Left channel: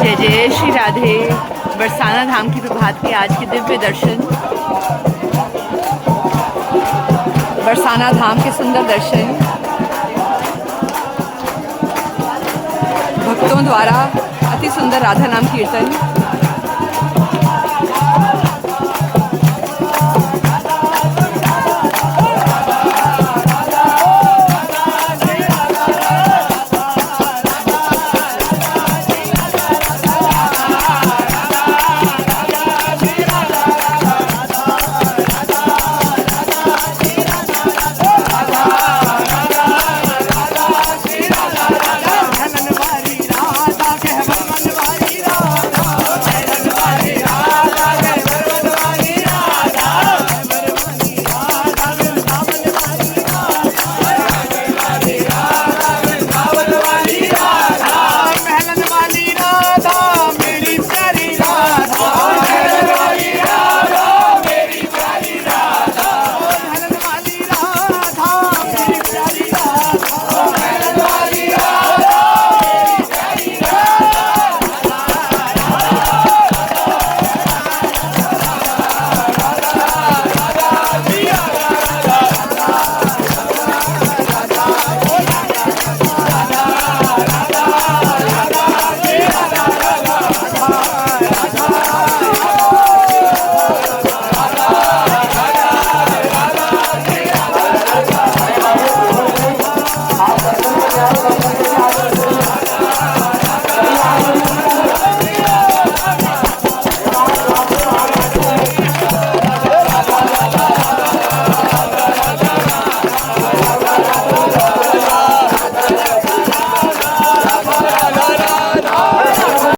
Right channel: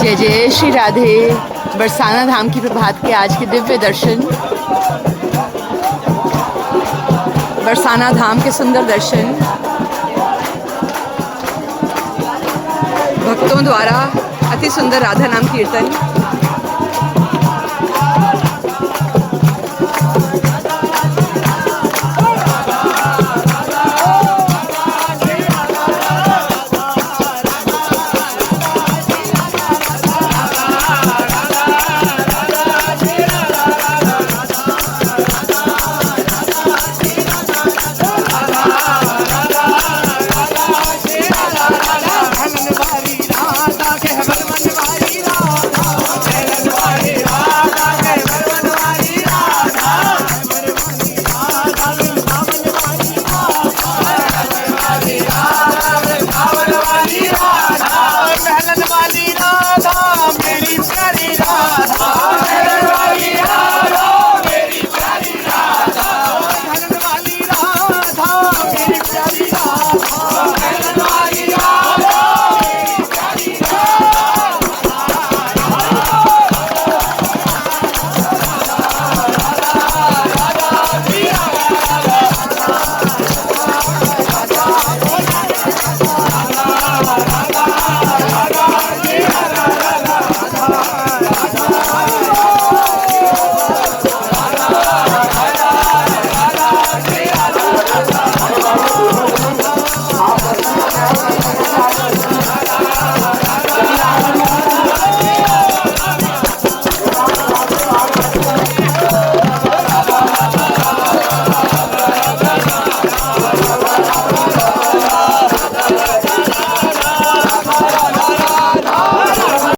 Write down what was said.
जय जय श्री राधे। बरसाना धाम की प्रभात के आज के दिव्य दर्शन, बरसाना धाम के सुंदर दर्शन भक्तों द्वारा अति सुंदर राधा नाम कीर्तन।